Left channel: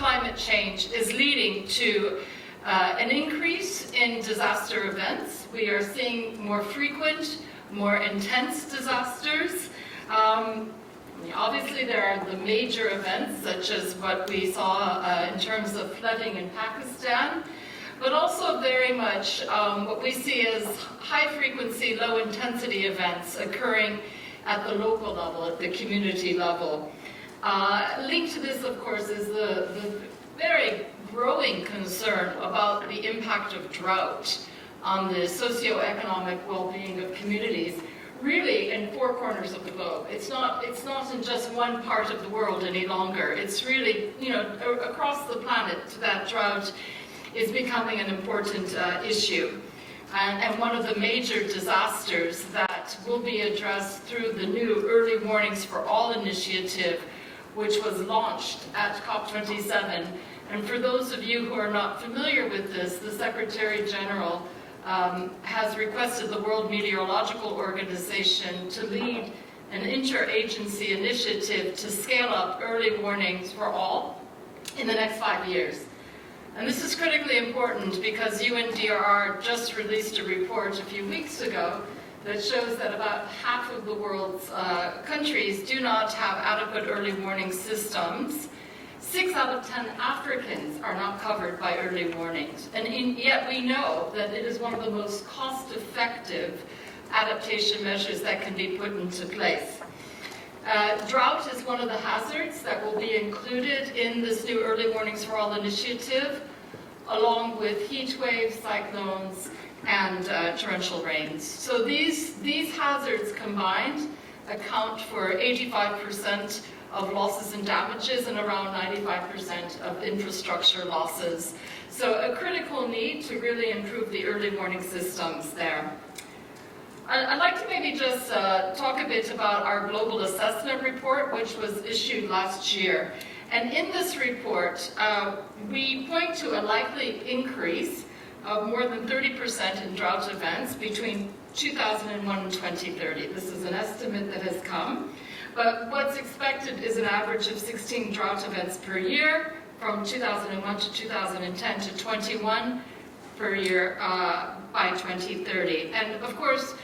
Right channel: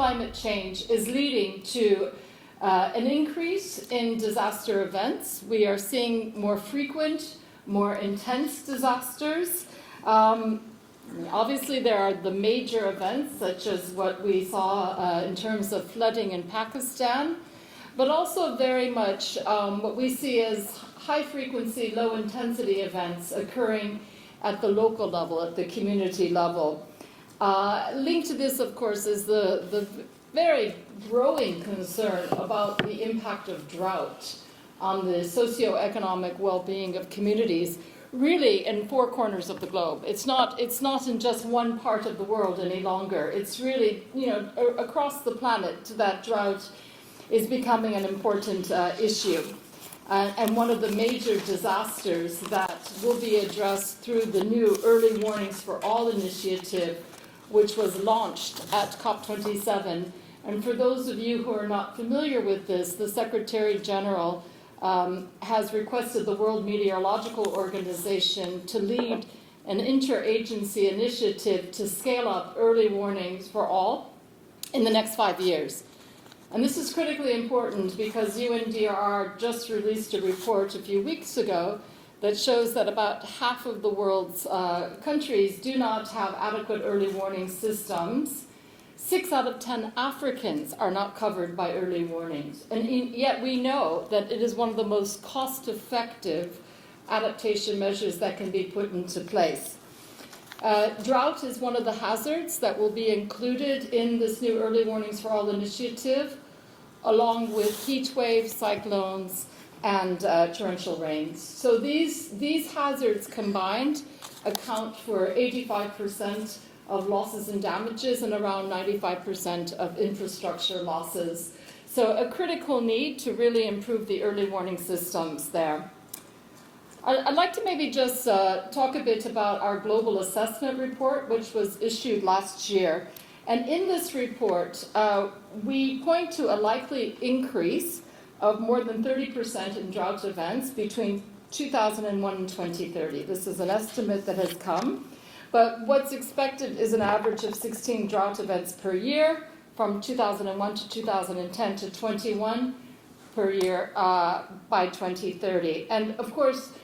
climate change is leading to an increase in disaster events. We are seeing more frequent, more intense disasters. Obviously, there are the major events, such as what we saw in terms of flooding in Pakistan, but also very much what we see as high-frequency, low-intensity events occurring at the local level, at the community level. Linked to this, of course, is the very growing concern about the impact of drought on the socioeconomic well-being of communities, really in 4 corners of the globe. It's not in just one part of the world any longer. It's really, across the planet that drought is becoming an important issue. And one of the major disasters that will be addressed through the new Early Warnings for All initiative, which was launched at COP27. And for those of you who are not familiar with this, the Secretary General has requested the World Meteorological Organization to lead an interagency initiative to scale up early warnings for all in the next 5 years. And this is critically important because UNDRR just released a report a few weeks ago that shows that about half of the world's countries do not have adequate early warning systems. 6 out of 10 Africans are not covered by early warnings. And yet we know that it is one of the most cost-effective adaptation measures that can be put into place. Drought is one of the hazards that will be included in this new Early Warnings for All initiative, along with heat waves, cyclones, and torrential rains. So these hazards combined account for 85% of losses and damages and around 95% of infrastructure losses. So a critical need to really improve the early warning systems there. I'd like to maybe just talk a bit about our global assessment report, which was issued last year. And in this report, we point to a likely increase of more than 30% in drought events between 2001 and 2030. This is an estimate that has come. But what's expected is an average of 16 drought events per year from 2001 to 2010 to 21 per year by 2030. And of course,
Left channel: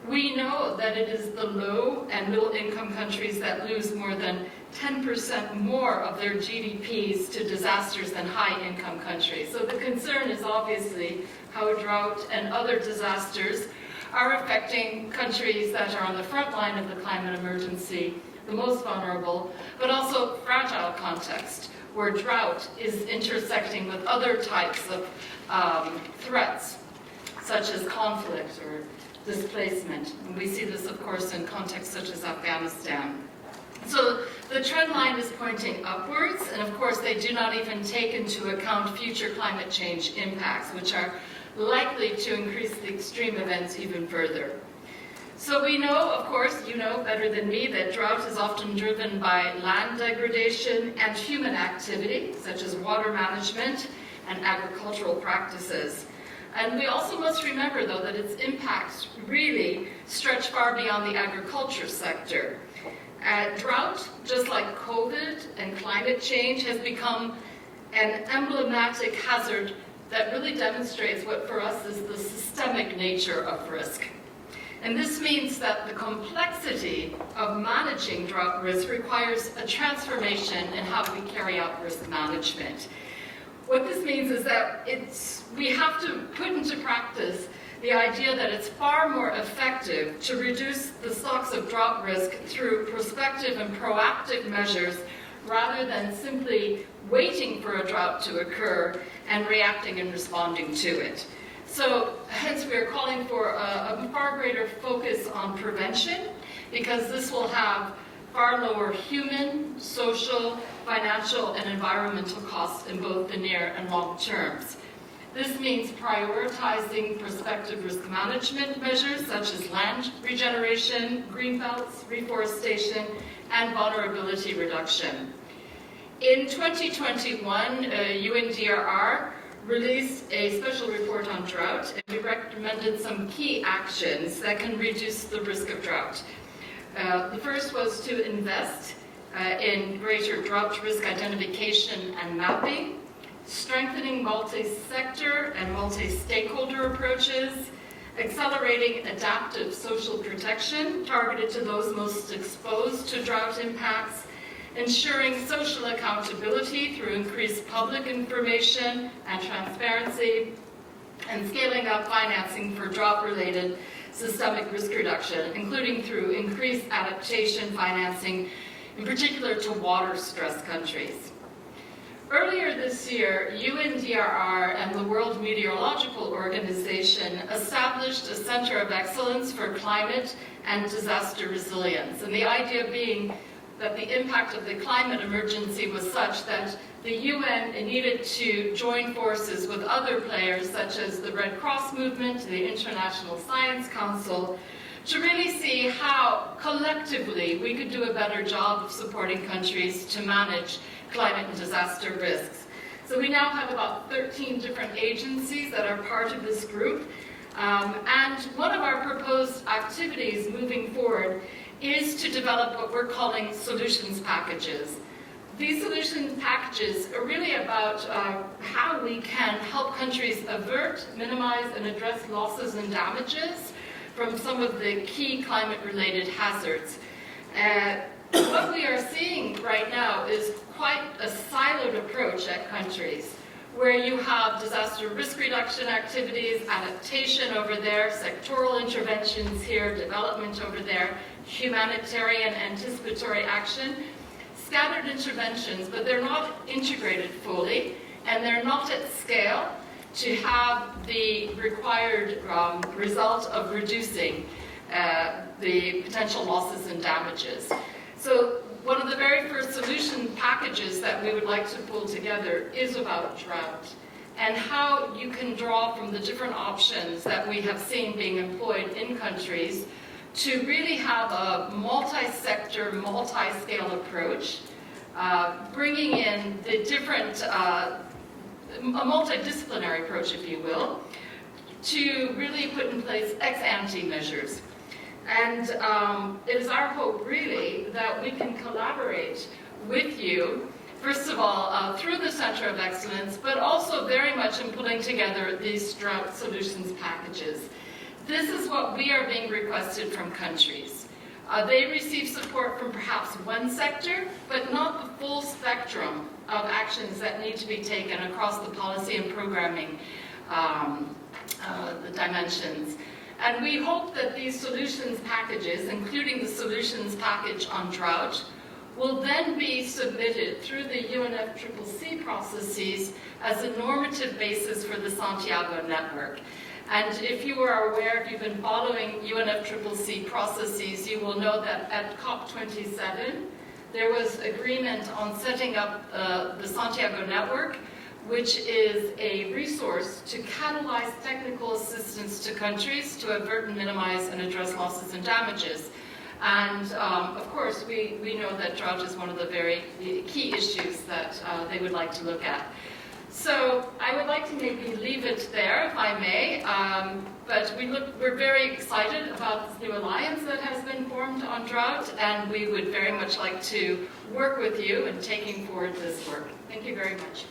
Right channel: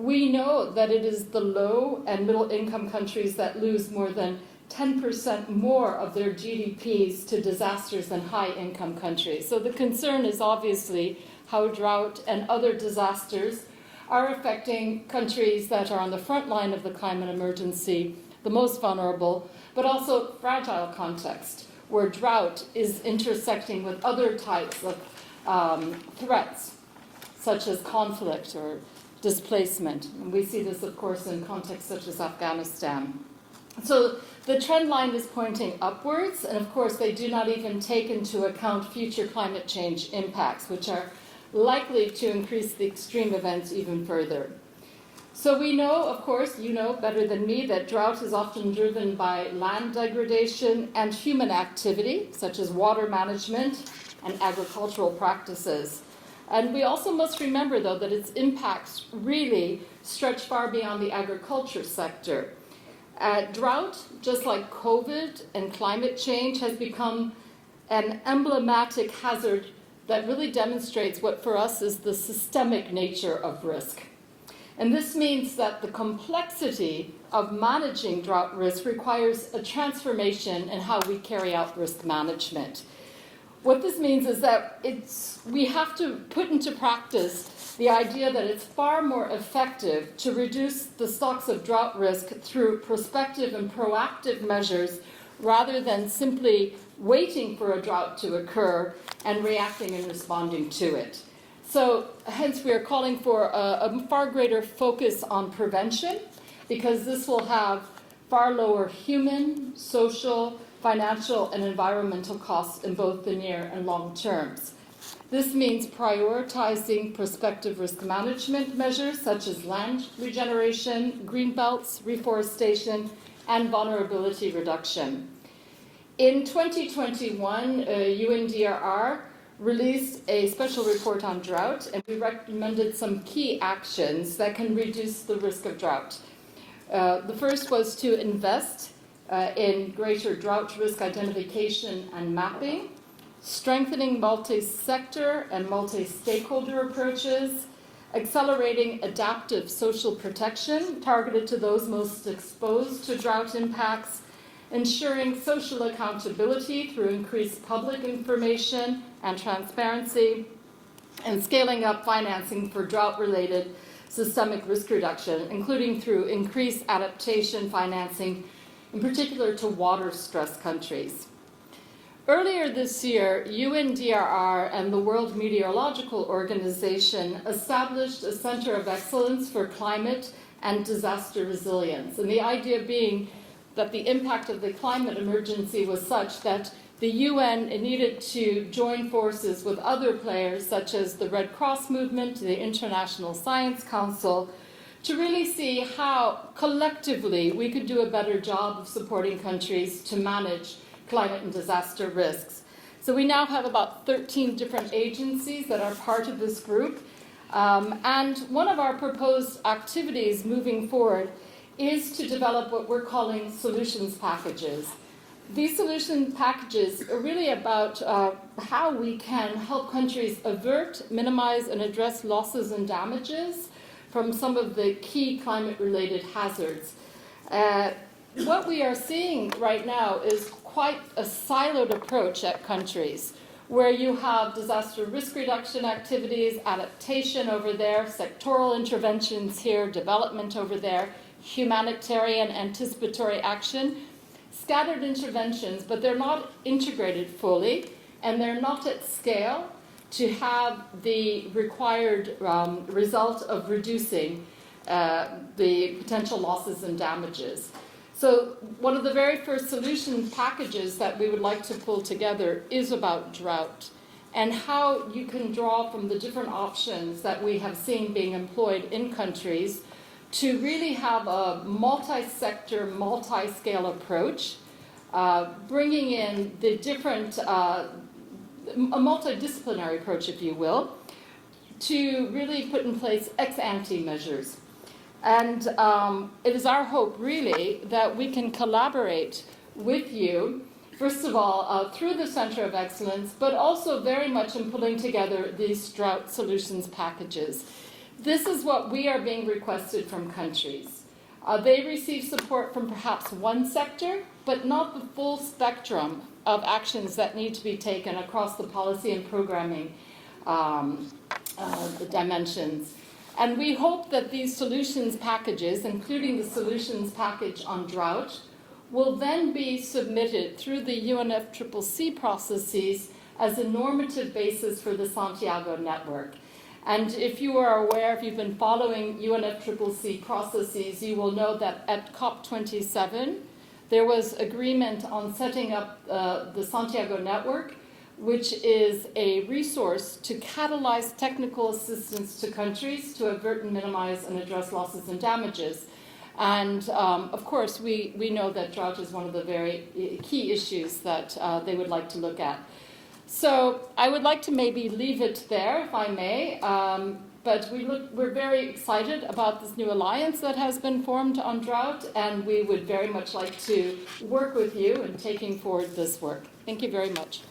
we know that it is the low and middle income countries that lose more than 10% more of their GDPs to disasters than high income countries. So the concern is obviously how drought and other disasters are affecting countries that are on the front line of the climate emergency, the most vulnerable, but also fragile context, where drought is intersecting with other types of threats, such as conflict or displacement. And we see this, of course, in contexts such as Afghanistan. So the trend line is pointing upwards, and of course they do not even take into account future climate change impacts, which are likely to increase the extreme events even further. So we know, of course, you know better than me, that drought is often driven by land degradation and human activity, such as water management and agricultural practices. And we also must remember, though, that its impacts really stretch far beyond the agriculture sector. Drought, just like COVID and climate change, has become an emblematic hazard that really demonstrates what for us is the systemic nature of risk. And this means that the complexity of managing drought risk requires a transformation in how we carry out risk management. What this means is that we have to put into practice the idea that it's far more effective to reduce the stocks of drought risk through prospective and proactive measures rather than simply waiting for a drought to occur and reacting and responding to it. So hence we are calling for a far greater focus on prevention, because this will have far lower human, social, financial, and environmental costs in both the near and long terms. This means prioritizing prospective risk management measures such as land regeneration, greenbelts, reforestation, and vulnerability reduction. In 2021, UNDRR released a special report on drought, and we recommended some key actions that can reduce the risk of drought. The first was to invest in greater drought risk identification and mapping, strengthening multi-sector and multi-stakeholder approaches, accelerating adaptive social protection targeted to those most exposed to drought impacts, ensuring social accountability through increased public information and transparency, and scaling up financing for drought-related systemic risk reduction, including through increased adaptation financing, in particular to water-stressed countries. Earlier this year, UNDRR and the World Meteorological Organization established a Center of Excellence for Climate and Disaster Resilience, and the idea being that the impact of the climate emergency was such that the UN needed to join forces with other players such as the Red Cross movement, the International Science Council, to really see how collectively we could do a better job of supporting countries to manage climate and disaster risks. So we now have about 13 different agencies that are part of this group, and one of our proposed activities moving forward is to develop what we're calling solutions packages. These solution packages are really about how we can help countries avert, minimize, and address losses and damages from some of the key climate-related hazards. What we are seeing right now is quite a siloed approach at countries, where you have disaster risk reduction activities, adaptation over there, sectoral interventions here, development over there, humanitarian anticipatory action, scattered interventions, but they're not integrated fully, and they're not at scale to have the required result of reducing the potential losses and damages. So one of the very first solution packages that we would like to pull together is about drought and how you can draw from the different options that we have seen being employed in countries to really have a multi-sector, multi-scale approach, bringing in the different, a multidisciplinary approach, if you will, to really put in place ex-ante measures. And it is our hope, really, that we can collaborate with you, first of all, through the Center of Excellence, but also very much in pulling together these drought solutions packages. This is what we are being requested from countries. They receive support from perhaps one sector, but not the full spectrum of actions that need to be taken across the policy and programming the dimensions. And we hope that these solutions packages, including the solutions package on drought, will then be submitted through the UNFCCC processes as a normative basis for the Santiago Network. And if you are aware, if you've been following UNFCCC processes, you will know that at COP27, there was agreement on setting up the Santiago Network, which is a resource to catalyze technical assistance to countries to avert and minimize and address losses and damages. And of course, we know that drought is one of the very key issues that they would like to look at. So I would like to maybe leave it there, if I may, but we're very excited about this new alliance that has been formed on drought, and we would very much like to work with you in taking forward this work. Thank you very much.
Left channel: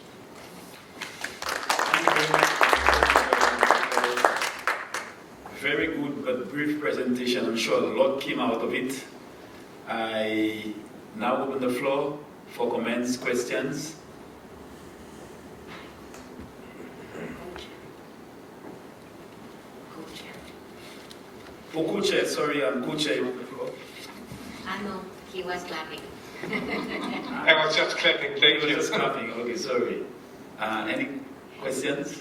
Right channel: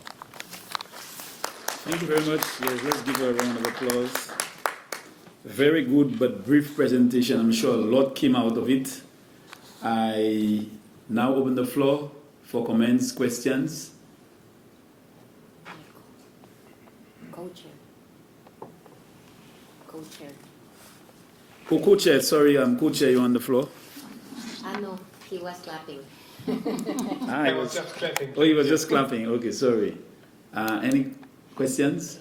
Thank you very much for a round of applause. Very good but brief presentation. I'm sure a lot came out of it. I now open the floor for comments, questions. Co-chair, sorry, I'm co-chair on the floor. No, he was clapping. I was just clapping. Oh, you were just clapping. Okay, sorry. Any questions?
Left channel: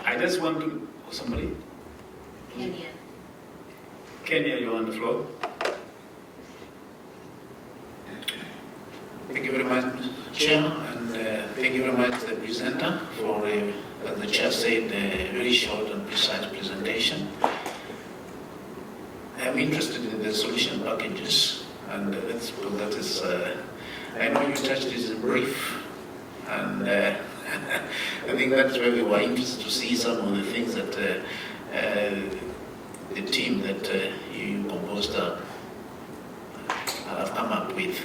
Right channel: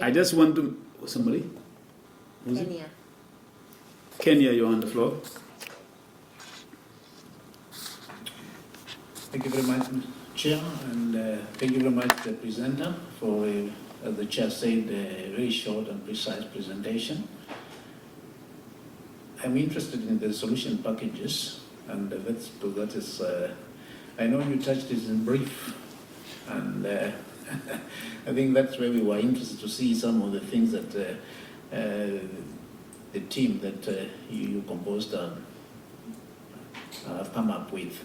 I just want to... Somebody? Kenya. Kenya, you're on the floor. Thank you very much, Chair, and thank you very much, the presenter, for, as the Chair said, a very short and precise presentation. I'm interested in the solution packages, and that is, I know you touched this in brief, and I think that's where we were interested to see some of the things that the team that you proposed with.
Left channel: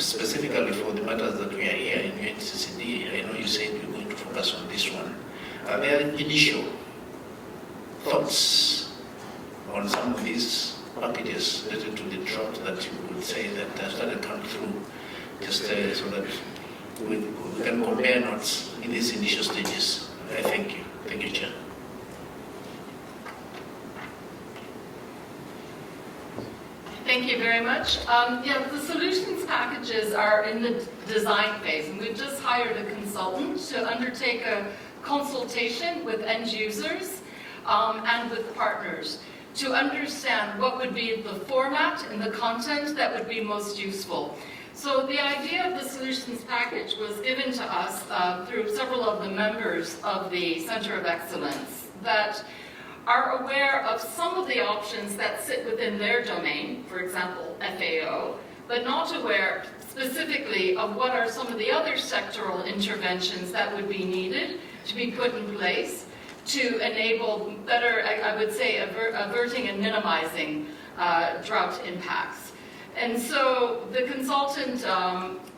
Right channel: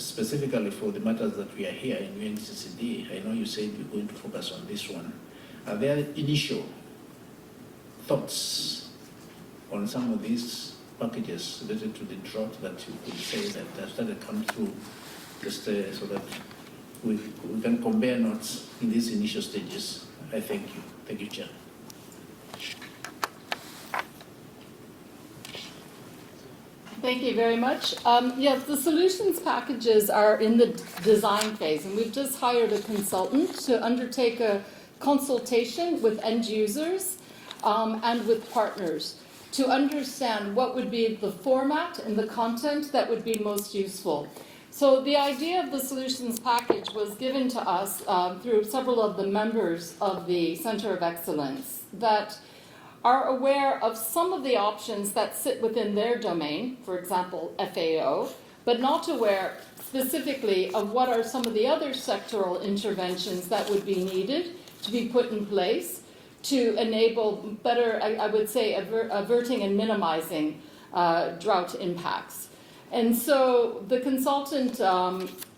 Specifically for the matters that we are here in UNCCD, I know you said we're going to focus on this one. Are there initial thoughts on some of these packages related to the drought that you would say that have started coming through, just so that we can compare notes in these initial stages? I thank you. Thank you, Chair. Thank you very much. Yes, the solutions packages are in the design phase, and we've just hired a consultant to undertake a consultation with end users and with partners to understand what would be the format and the content that would be most useful. So the idea of the solutions package was given to us through several of the members of the Center of Excellence that are aware of some of the options that sit within their domain, for example, FAO, but not aware specifically of what are some of the other sectoral interventions that would be needed to be put in place to enable better, I would say, averting and minimizing drought impacts. And so the consultant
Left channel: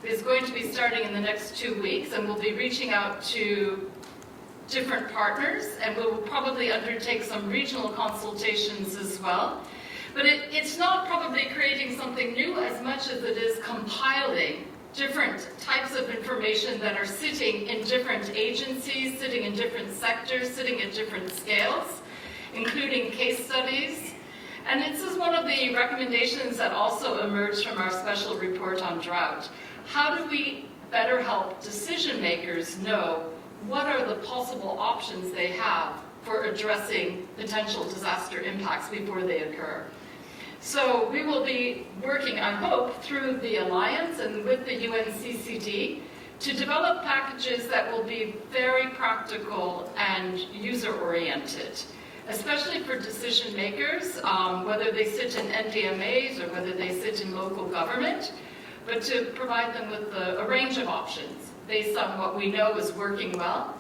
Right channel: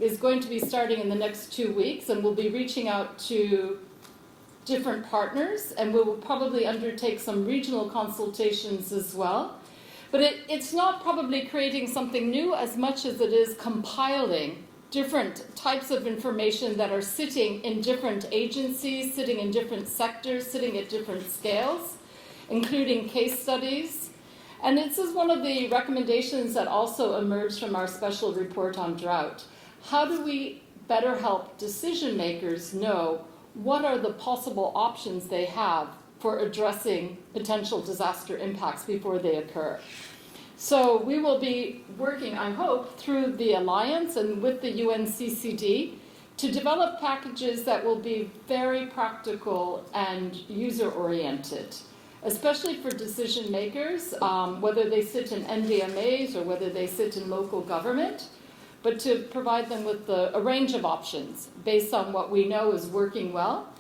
is going to be starting in the next 2 weeks, and we'll be reaching out to different partners, and we'll probably undertake some regional consultations as well. But it's not probably creating something new as much as it is compiling different types of information that are sitting in different agencies, sitting in different sectors, sitting at different scales, including case studies. And this is one of the recommendations that also emerged from our special report on drought. How do we better help decision makers know what are the possible options they have for addressing potential disaster impacts before they occur? So we will be working, I hope, through the Alliance and with the UNCCD to develop packages that will be very practical and user-oriented, especially for decision makers, whether they sit in NDMAs or whether they sit in local government, but to provide them with a range of options based on what we know is working well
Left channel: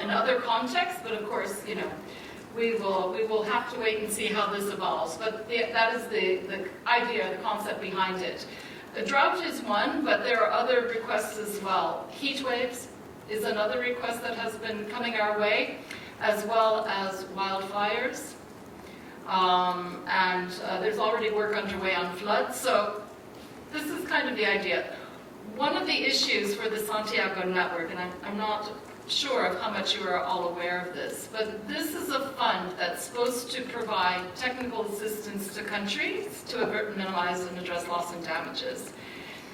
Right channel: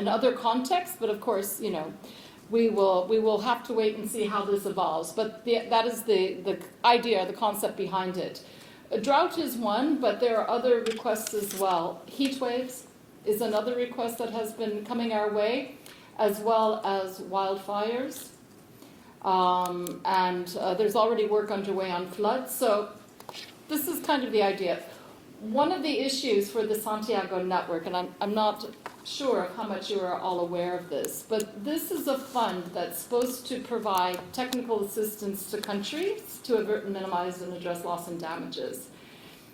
in other contexts. But of course, you know, we will have to wait and see how this evolves. But that is the idea, the concept behind it. Drought is one, but there are other requests as well. Heat waves is another request that has been coming our way, as well as wildfires. And there's already work underway on floods. So this is kind of the idea. One of the issues for the Santiago Network, and I'm not sure of how much you are all aware of this, but this is a fund that's supposed to provide technical assistance to countries to avert, minimize, and address loss and damages.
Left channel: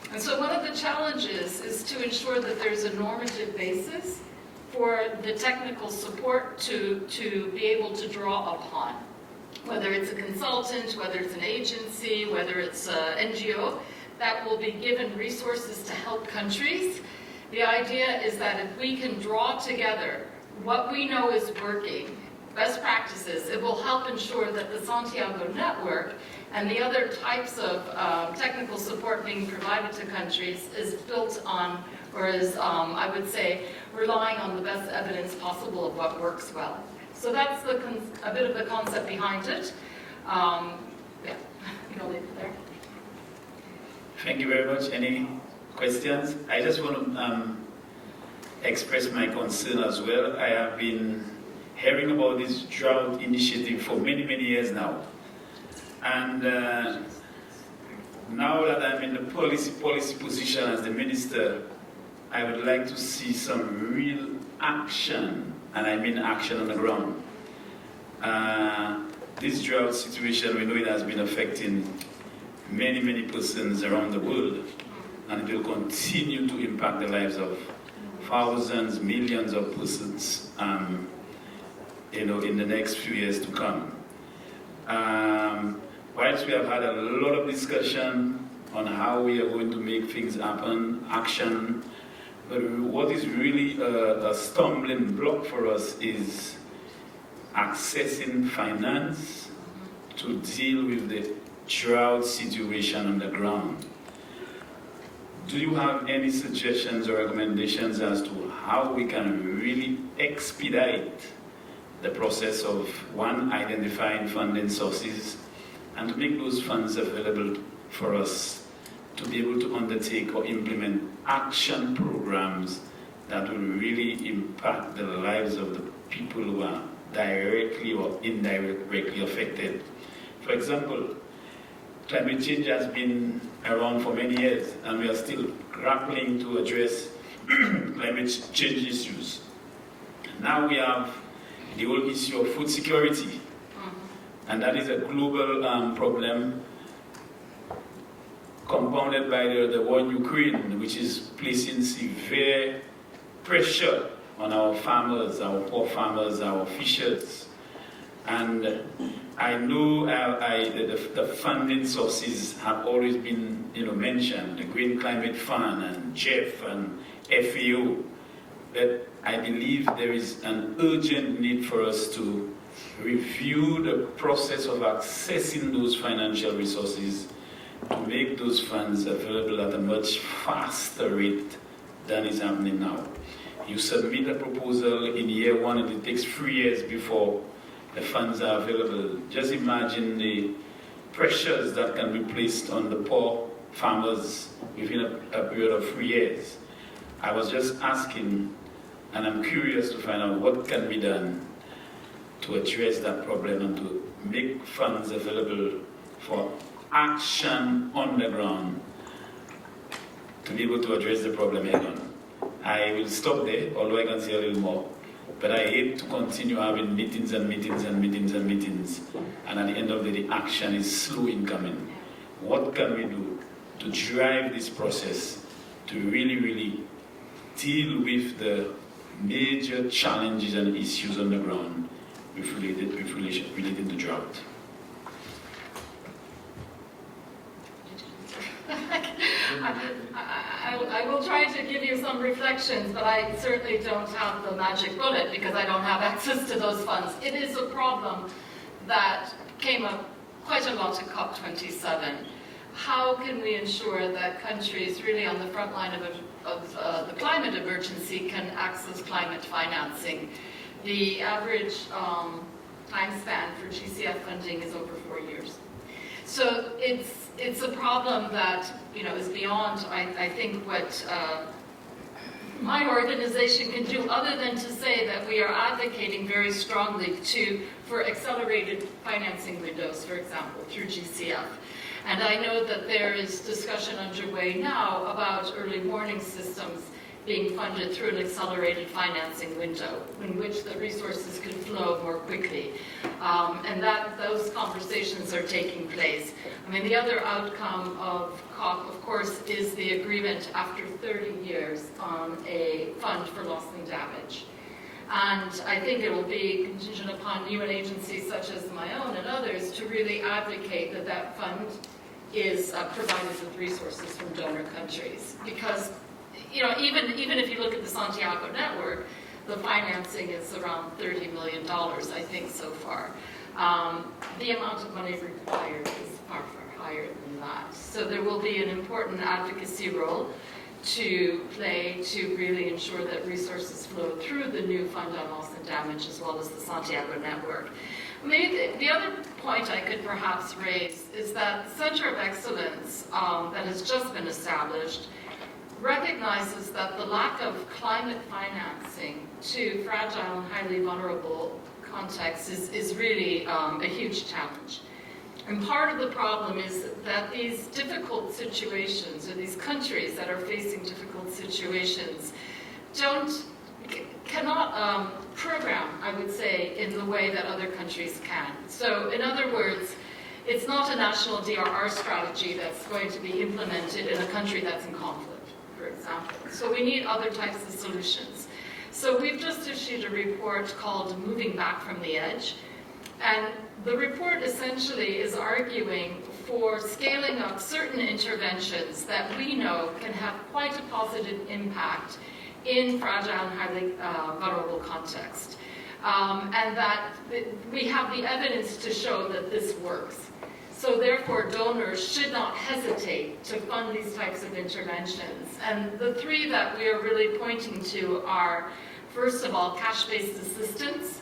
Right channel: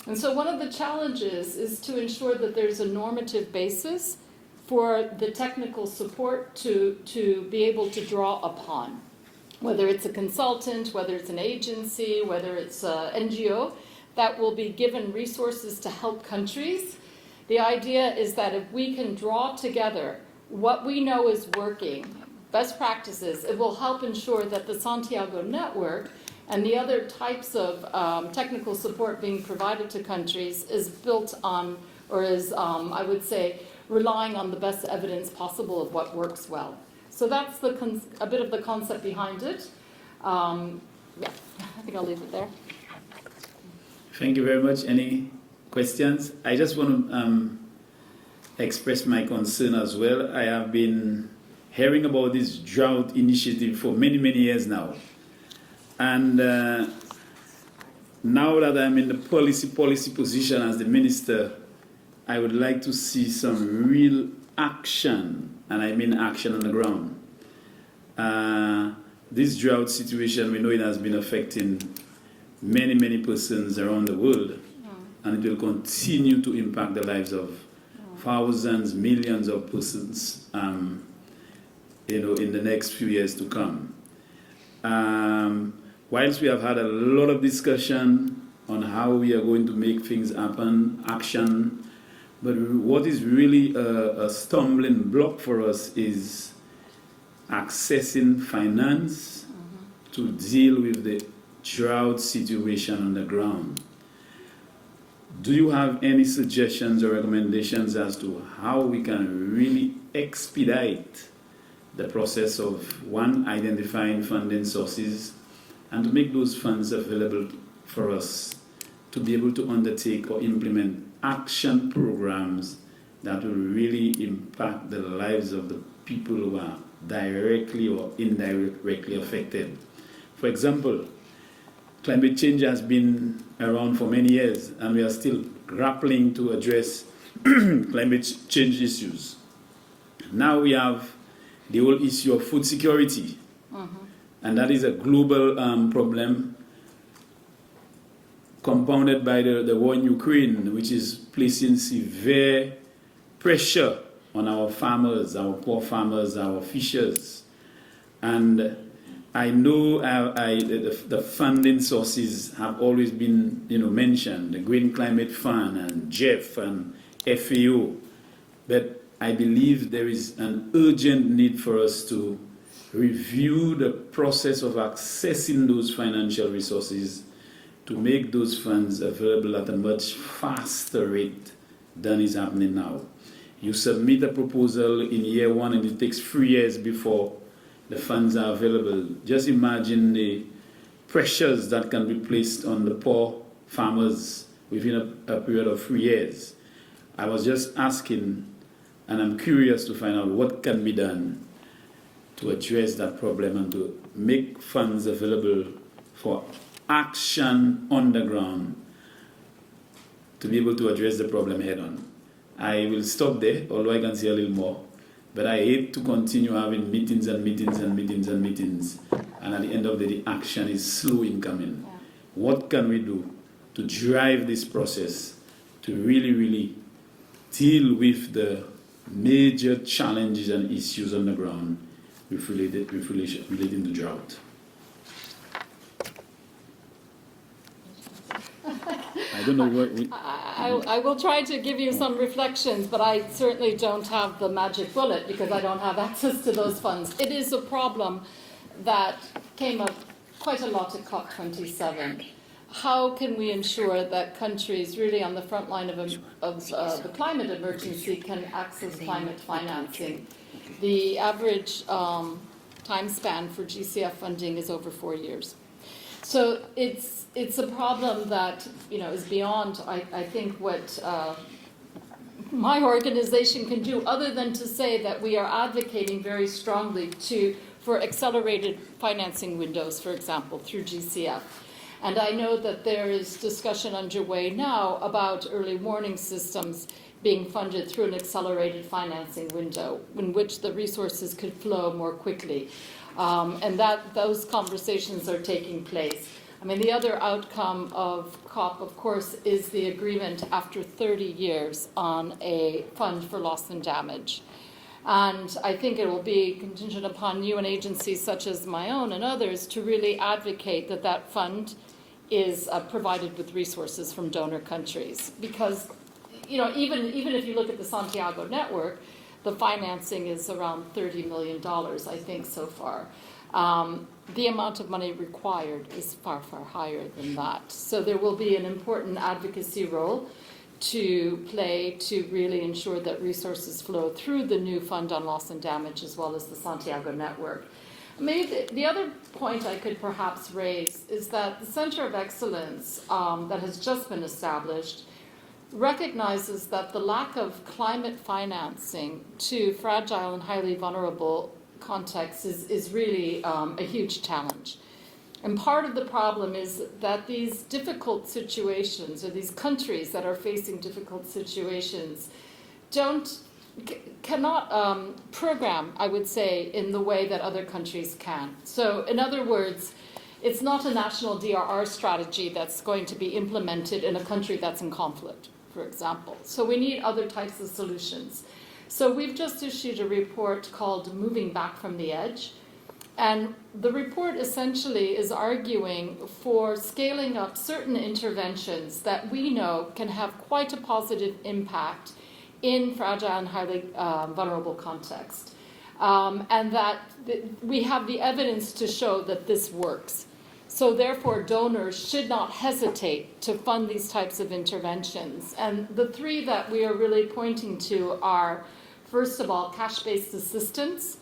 And so one of the challenges is to ensure that there's a normative basis for the technical support to be able to draw upon, whether it's a consultant, whether it's an agency, whether it's an NGO, that will be given resources to help countries. The idea is that if we can draw together what we know is working, best practices, it will help ensure that the Santiago Network and the other types of technical support being provided to countries is built on, or is, I would say, relying on the best evidence possible of what works well. So that's a bit of the concept behind it. Yeah, I think I'll leave it there. Thank you very much. Any questions? I just want to express my concern as well. I have been hearing about this drought initiative for many, many years now. And now that I'm in the policy position as the minister, I would like to see some real action, and I mean action on the ground. This drought situation we know has been affecting many, many persons around the world, and will continue to impact the lives of thousands, millions of persons, in the next few years to come. Whilst we have had a lot of discussion on how we are going to make things happen, action, but what is really a stumbling block for us is accessing finance to deal with the drought situation on the ground. Do you have any suggestions or recommendations as to how we can really expedite the process of, one, identifying funding sources, and to make those funds available for us to be able to undertake or implement action programs that will really impact the lives of the people who are directly or indirectly affected. For example, climate change has been around for many years, and we are still grappling to address climate change issues. Now we have the whole issue of food security, and that is a global problem compounded by the war in Ukraine, which is placing severe pressure on our farmers, our poor farmers, our fishers. And I know the funding sources have always been mentioned, the Green Climate Fund and JEF and FAO, but I believe there is an urgent need for us to review the process of accessing those financial resources to make those funds available at a much faster rate than is happening now. You submit a proposal in year one and it takes 3 years before the funds are available. Just imagine the pressures that can be placed on the poor farmers within a period of 3 years. I was just asking, and I'm curious to find out what can be done to address that problem and to make funds available for action on the ground to be able to address the problem head on. I will stop there, although I can say a little more, but I hate to continue having meetings and meetings and meetings and meetings, and at the end of the day, action is slow in coming. What can we do to drive this process to really, really deal with the major challenges and issues on the ground related to drought? I don't know what. I will try to give you some reflections, but I certainly don't have the magic bullet because I don't have access to those funds. It is a problem that came up quite a lot at COP27. How can we ensure that countries really on the front line of the climate emergency can access climate financing? The average time span for GCF funding is over 4 years. So it's a problem that is beyond, I think, what my organization can do, other than to say that we are advocating very strongly for accelerated financing windows, for example, through GCF. And I know that there is discussion underway now about early warning systems being funded through an accelerated financing window in which the resources could flow more quickly. And those conversations are taking place. I mean, the other outcome of COP, of course, is the agreement after 30 years on a fund for loss and damage. And I think it will be contingent upon you and agencies such as my own and others to really advocate that that fund is provided with resources from donor countries. Because even if you look at the Santiago network, the financing is around $30 million, I think, so far. The amount of money required is far, far higher than that. So there will be an important advocacy role to play to really ensure that resources flow through the new fund on loss and damage as well as the Santiago network. Maybe the other point I could perhaps raise is that the Center of Excellence that has just been established recognizes that the lack of climate financing to fragile and highly vulnerable contexts is really a huge challenge. And part of the problem is that these difficult situations, or these countries that are facing difficult situations, cannot program, I would say, in the way that other countries can. So, in other words, it's not a national DRR strategy that's going to be implemented in a country that's in conflict, for example. So we need other types of solutions. So we've just issued a report called Moving Back from the Edge. And the report essentially is arguing for scaling up certain interventions that we know can have quite a positive impact in fragile and highly vulnerable context. And that we have the evidence to show that this works. So therefore, donors should not hesitate to fund these types of interventions. And the three that we are really pointing to are, first of all, cash-based assistance.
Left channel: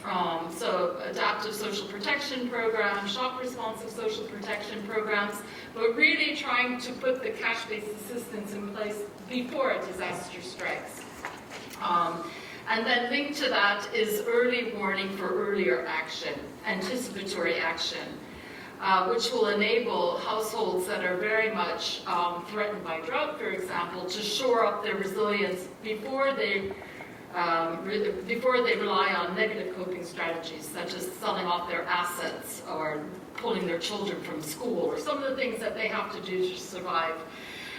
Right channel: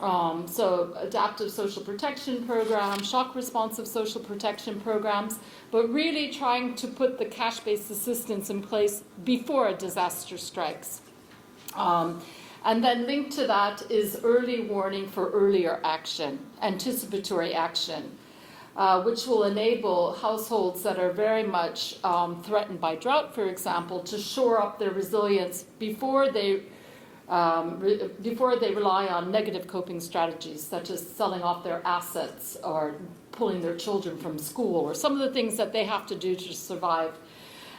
So adaptive social protection programs, shock responsive social protection programs, but really trying to put the cash-based assistance in place before a disaster strikes. And then linked to that is early warning for earlier action, anticipatory action, which will enable households that are very much threatened by drought, for example, to shore up their resilience before they rely on negative coping strategies, such as selling off their assets or pulling their children from school, or some of the things that they have to do to survive.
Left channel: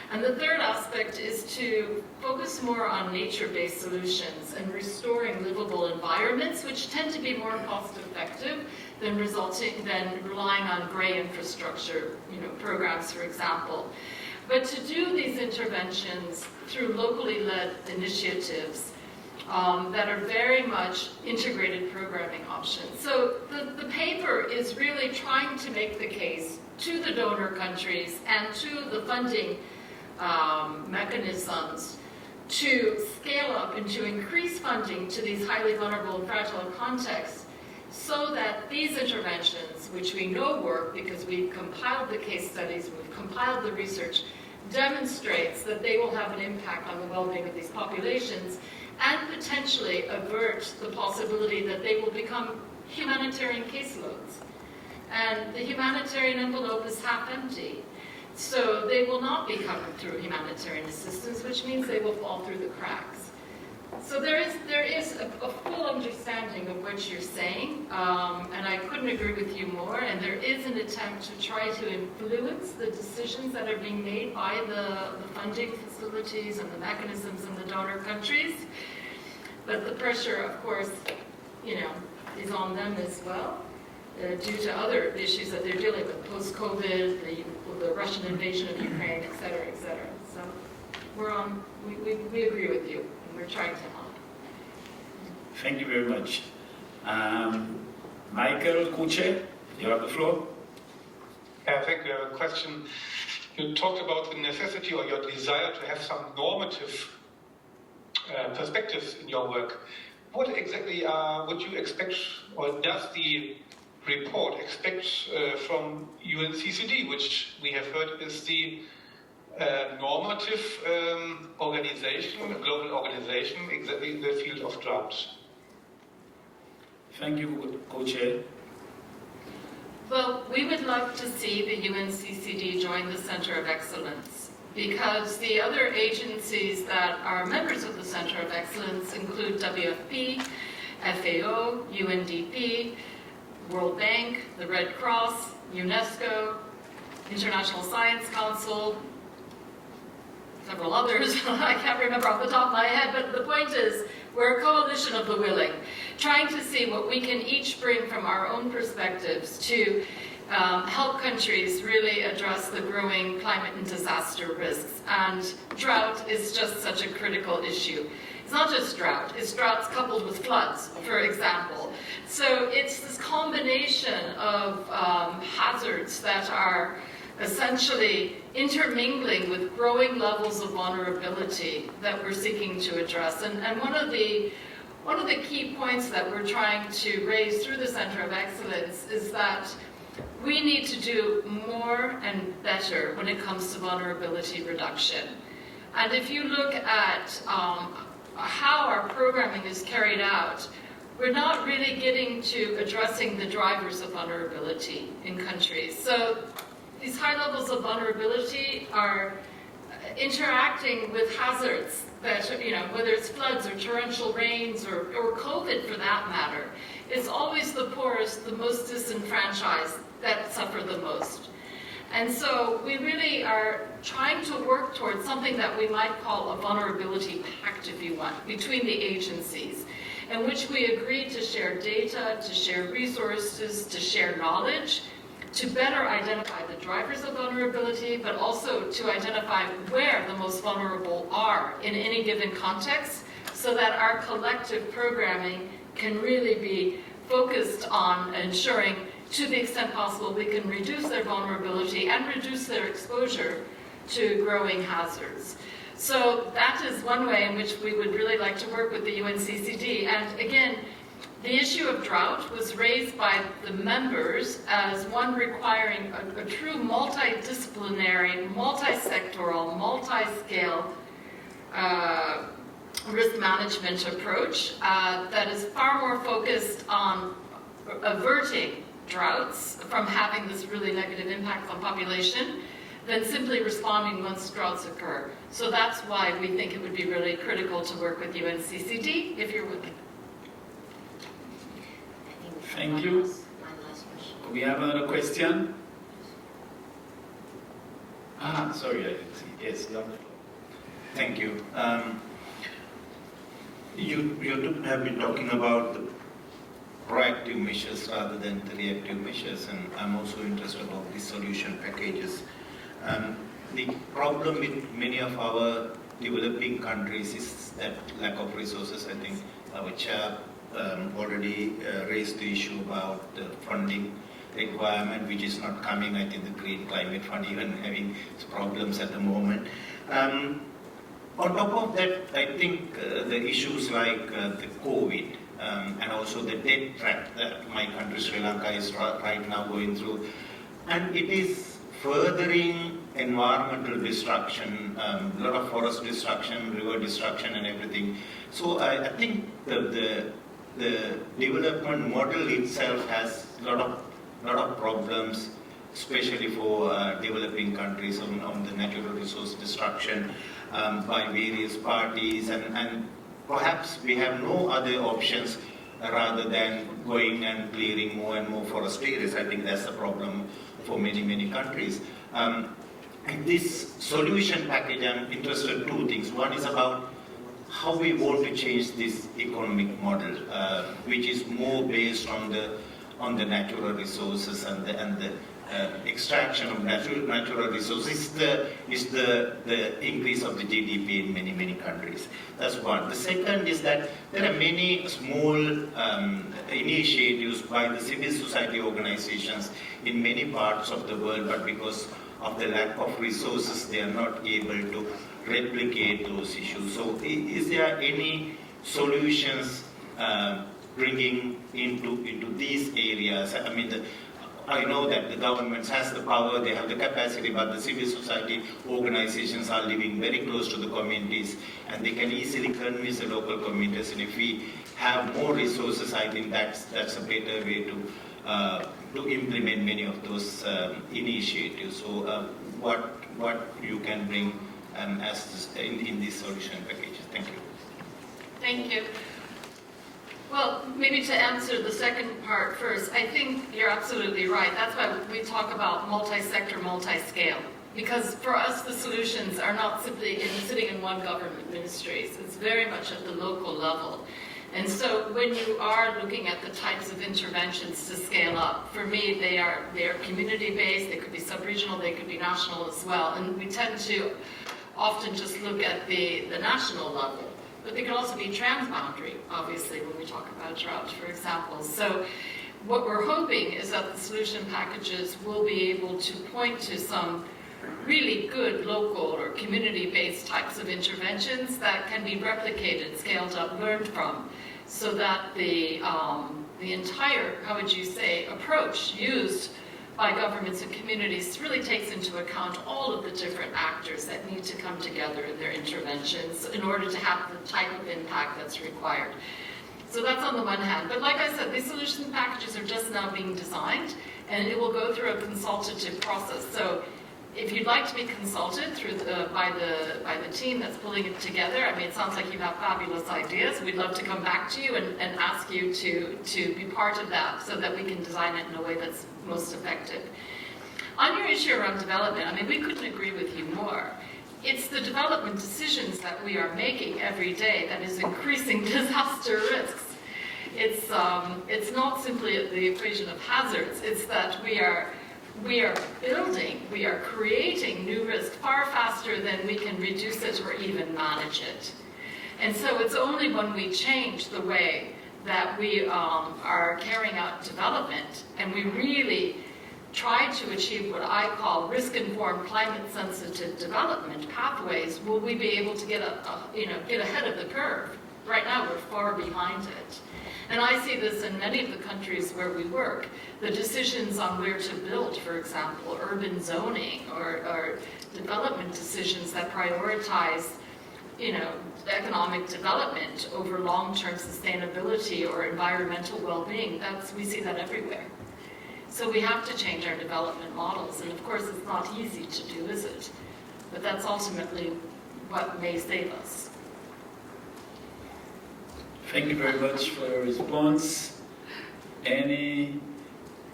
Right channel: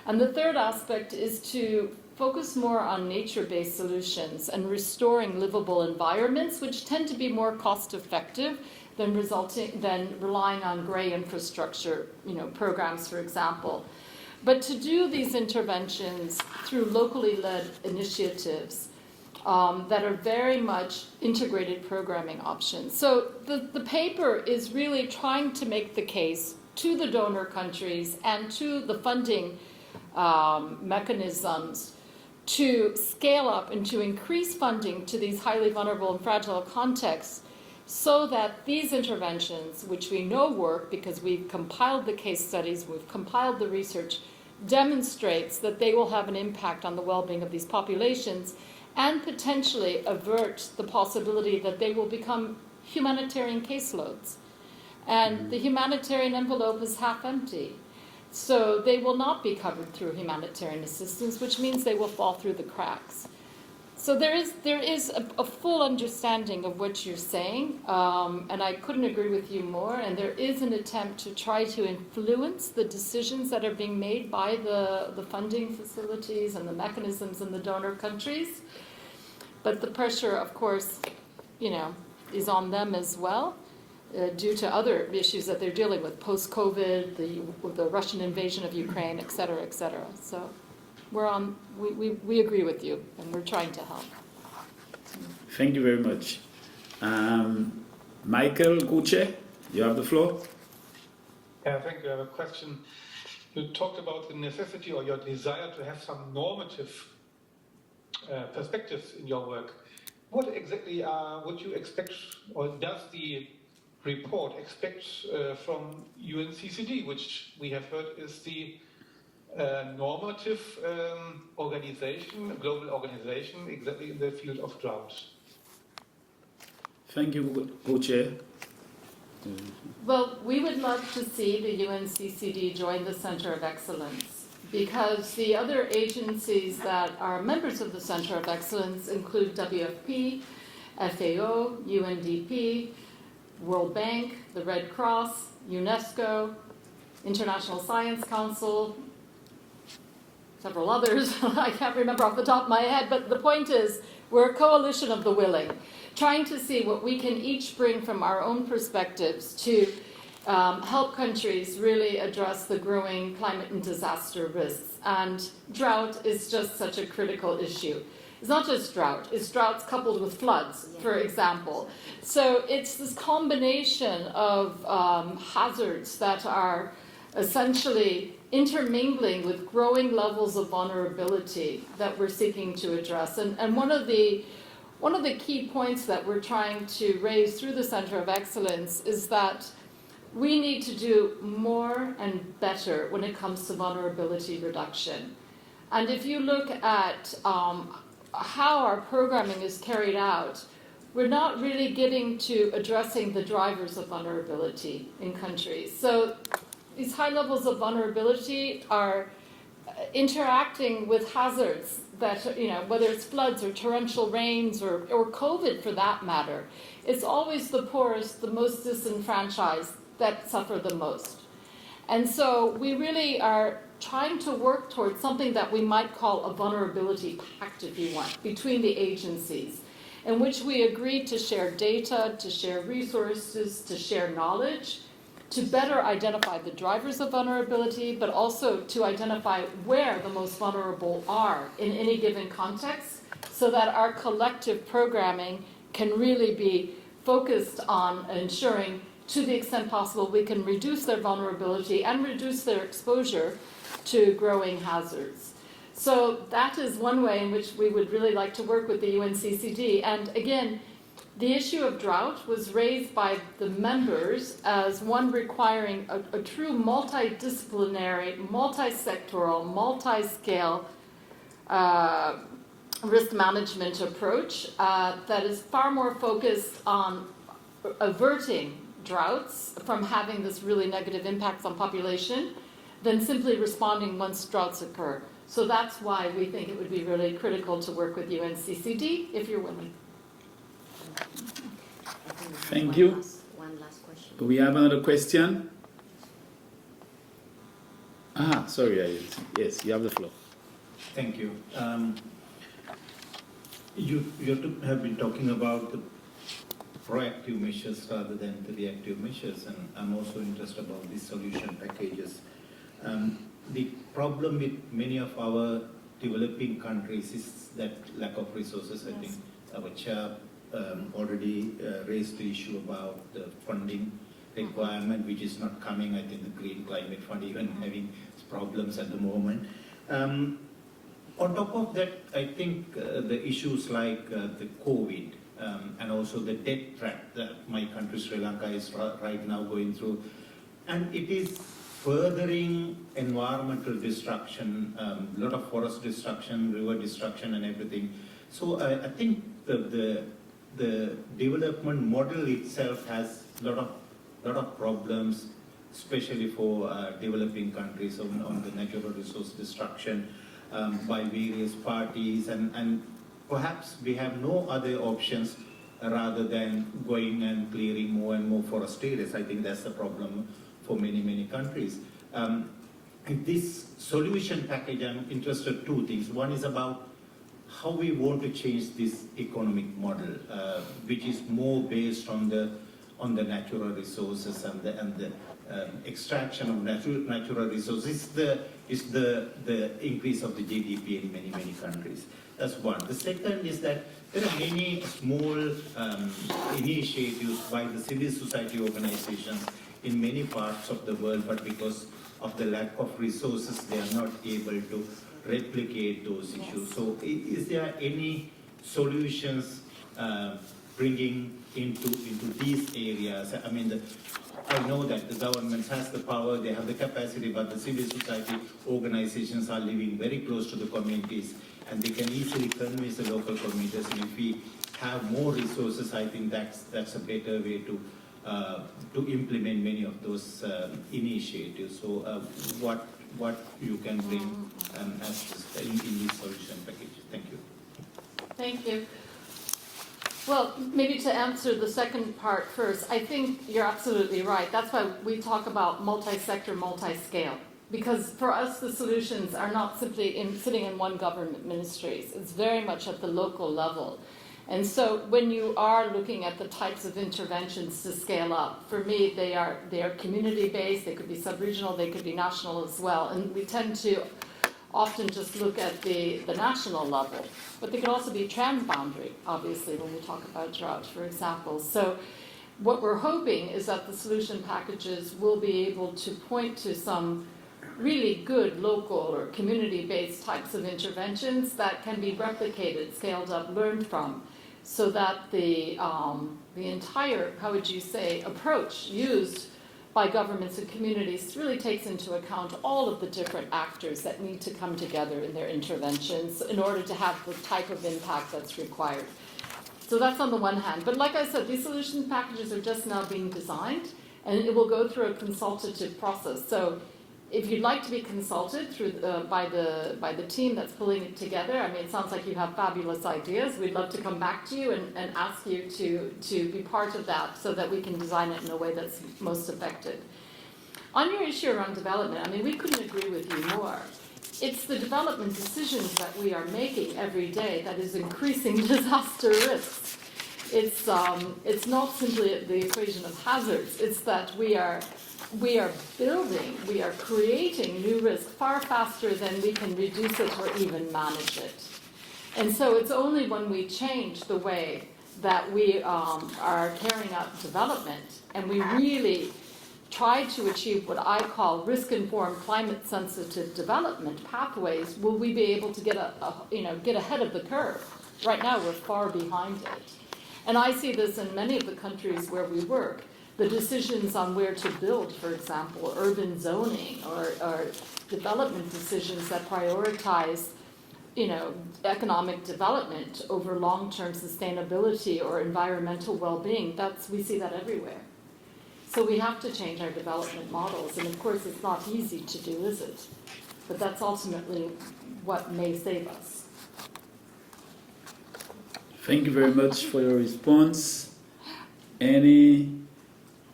And the third aspect is to focus more on nature-based solutions and restoring livable environments, which tend to be more cost-effective than relying on grey infrastructure, programs, for example. But to do these interventions through locally led initiatives that are very much integrated programming options. So the paper is really trying to make the case to the donor countries and to the funding mechanisms to scale up and to increase funding to these highly vulnerable and fragile contexts, so that these interventions, which we know work because we've compiled the case studies, we've compiled the research, demonstrates that they will have an impact on the well-being of these populations and potentially avert the possibility that they will become humanitarian caseloads. And the humanitarian envelope is half empty. So they will not be covered through humanitarian assistance, which means they will fall through the cracks. So there is a full understanding of what you're saying, and I couldn't agree with you more, and there is an attempt to try to influence the decisions that are being made by the funding facilities and the mechanisms in the donor countries. But the pressure, of course, is on them as well. Due to other issues that they're dealing with, post-COVID, the Russian invasion of Ukraine, et cetera, et cetera. So we agree with you, and we're trying to help. Thank you very much. Michael Guce, you have the floor. I think we have a question. You talked about the necessity or your desire to have some normative perspectives in your work. What exactly would you expect, or does the report expects from UNCCD, which we have heard is the normative organization, global organization, exactly in the field of drought? Thank you, Co-Chair. Well, we would like to see the UNCCD join the Center of Excellence, because the other agencies that are members of the Center of Excellence include WFP, FAO, UNDP, World Bank, the Red Cross, UNESCO, International Science Council, several others I can't remember off the top of my head, but the point is we're a coalition of the willing, trying to see what we can each bring from our own perspectives to help countries really address the growing climate and disaster risks. And drought is just such a critical issue. It's not just drought, it's droughts coupled with floods, for example. So it's this combination of hazards that are essentially intermingling with growing levels of vulnerability that we're seeking to address. And one of the key points that we're trying to raise through the Center of Excellence is that we need to do more and better when it comes to vulnerability reduction. And if you look at how our programming is carried out, we're not really getting to addressing the drivers of vulnerability in countries. So these high levels of vulnerability are interacting with hazards that, whether it's floods or torrential rains or COVID for that matter. It's always the poorest, the most disenfranchised that suffer the most. And so we really are trying to work towards something that we might call a vulnerability pact, if you want, between the agencies, in which we agree to share data, to share resources, to share knowledge, to better identify the drivers of vulnerability, but also to identify where the most vulnerable are in any given context, so that our collective programming can really be focused on ensuring, to the extent possible, we can reduce their vulnerability and reduce their exposure to growing hazards. So that is one way in which we would really like to work with the UNCCD. And again, The issue of drought was raised by the members as one requiring a true multidisciplinary, multi-sectoral, multi-scale risk management approach that is far more focused on averting droughts from having this really negative impact on population than simply responding once droughts occur. So that's why we think it would be really critical to work with UNCCD if you're willing. Thank you. One last question. We have another question. Sorry. Yes, you have the floor. Thank you. You have been talking about the proactive measures rather than the reactive measures, and I'm also interested about the solution packages. The problem with many of our developing countries is that lack of resources. I think our chair already raised the issue about the funding requirement, which is not coming. I think the Green Climate Fund even having problems at the moment. On top of that, I think the issues like the COVID and also the debt trap that my country Sri Lanka is right now going through, and it is furthering environmental destruction, a lot of forest destruction, river destruction and everything. So I think the development model itself has a lot of problems, especially for developing countries on the natural resource destruction by various parties, and perhaps we have no other options rather than going and clearing more and more forest areas. I think that's a problem for many countries. In this solution package, I'm interested in two things. One is about how we want to change this economic model, which is more based on the natural resources and the extraction of natural resources is the increase of the GDP in many countries. That's one. The second is that there are many small initiatives by the civil society organizations in many parts of the world, but because of the lack of resources, they are not able to replicate those issues. So is there any solutions bringing into these areas? I mean, I know that the government has the power, they have the capacity, but the civil society organizations are living very close to the communities, and they can easily convince the local communities. And if we have more resources, I think that's a better way to implement many of those initiatives. So what you can bring as in this solution package? Thank you. Thank you. Well, maybe to answer the second part first, I think you're absolutely right. That's why we talk about multi-sector, multi-scale. Because for us, the solutions are not simply sitting in one government ministries. It's very much at the local level. And so when you are looking at the types of interventions to scale up, for me, they are community-based, they could be sub-regional, they could be national as well. And we tend to often just look at the national level. But they can also be transboundary, obviously, when we talk about drought, for example. So what we're hoping is that the solution packages will be able to point to some really good local or community-based types of interventions that can be replicated, scaled up, learned from, so that the entire, how would you say, approach used by governments and communities really takes into account all of the different actors that need to come together in their interventions in order to have the type of impact that's required. So that's on the one hand. But like I said, these solution packages are just now being designed, and it will go through a consultative process. So if you'd like to be consulted by the team that's pulling it together, I mean, it sounds like you have fabulous ideas. We'd love to come back to you and ask you to be part of that so that we can design it in a way that's most effective. On your issue around development, I mean, we couldn't agree with you more. It's the development decisions that we are making every day that is increasing disaster risks. It's not simply the equation of hazards. It's that we are building, we are creating new risk far faster than we can reduce it or even manage it. And so it's only when we change the way that we are carrying out development and we really try to achieve what I call risk-informed, climate-sensitive development pathways, will we be able to get ahead of the curve. Right now, we're far behind it. And I see this in many of the countries where we work. The decisions on where to build, for example, urban zoning or development decisions that prioritize, economic development over long-term sustainability or environmental well-being, we see that everywhere. So we have to change our development models, and of course it's not easy to do, is it? But that's ultimately what may save us. Thank you very much for your response. Any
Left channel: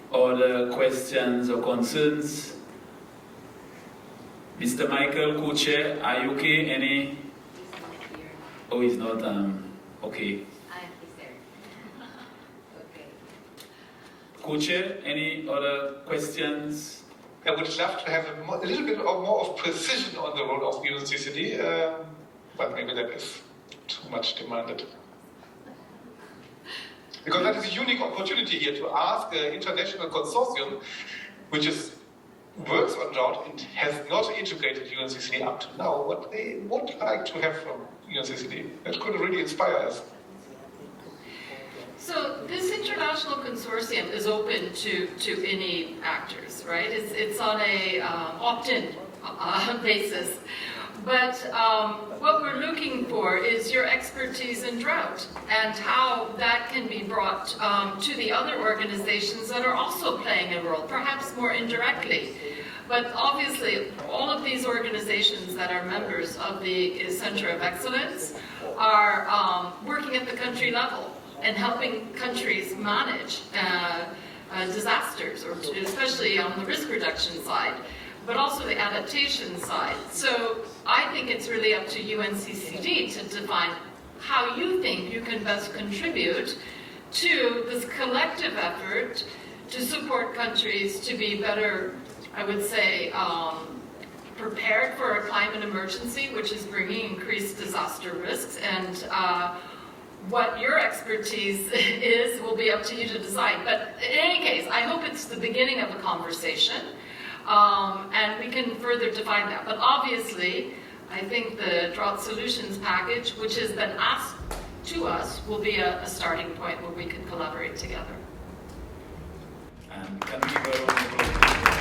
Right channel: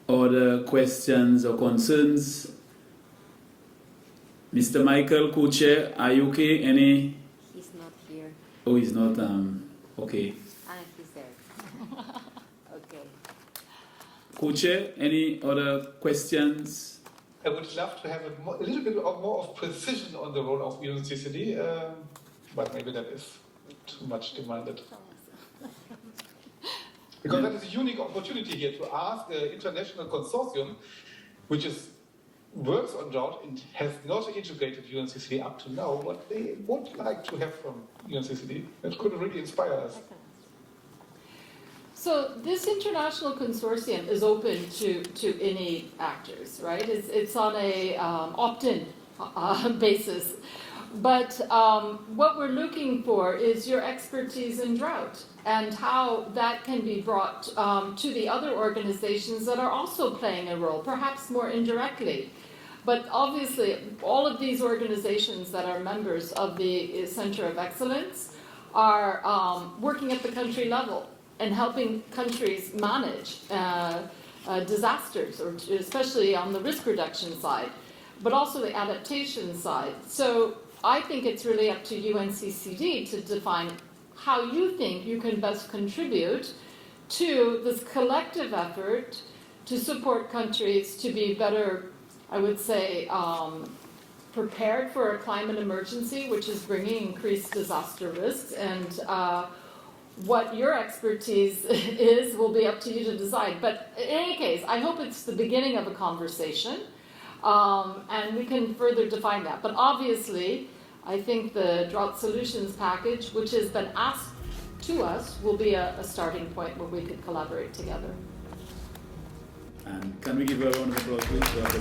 other questions or concerns? Mr. Michael, co-chair, are you okay? Any? He's not here. Oh, he's not. Okay. He's there. Okay. Co-chair, any other questions? I would love to have a little bit more of precision on the role of UNCCD, but maybe that is too much demanded. Because that is a unique opportunity here to ask an international consortium, which works on drought and has not integrated UNCCD up to now, what they would like to have from UNCCD. That could really inspire us. So this international consortium is open to any actors, right? It's on a opt-in basis. But what we're looking for is your expertise in drought and how that can be brought to the other organizations that are also playing a role, perhaps more indirectly. But obviously, all of these organizations that are members of the Center of Excellence are working at the country level and helping countries manage disasters, or especially on the risk reduction side, but also the adaptation side. So I think it's really up to UNCCD to define how you think you can best contribute to this collective effort to support countries to be better, I would say, prepared for a climate emergency, which is bringing increased disaster risks, and what your expertise is will be up to you to decide. But in any case, I hope it's the beginning of a conversation, and we can further define that. But obviously, I think the drought solutions package, which has been asked to us, will be a starting point where we could collaborate together. Can we give a round of applause?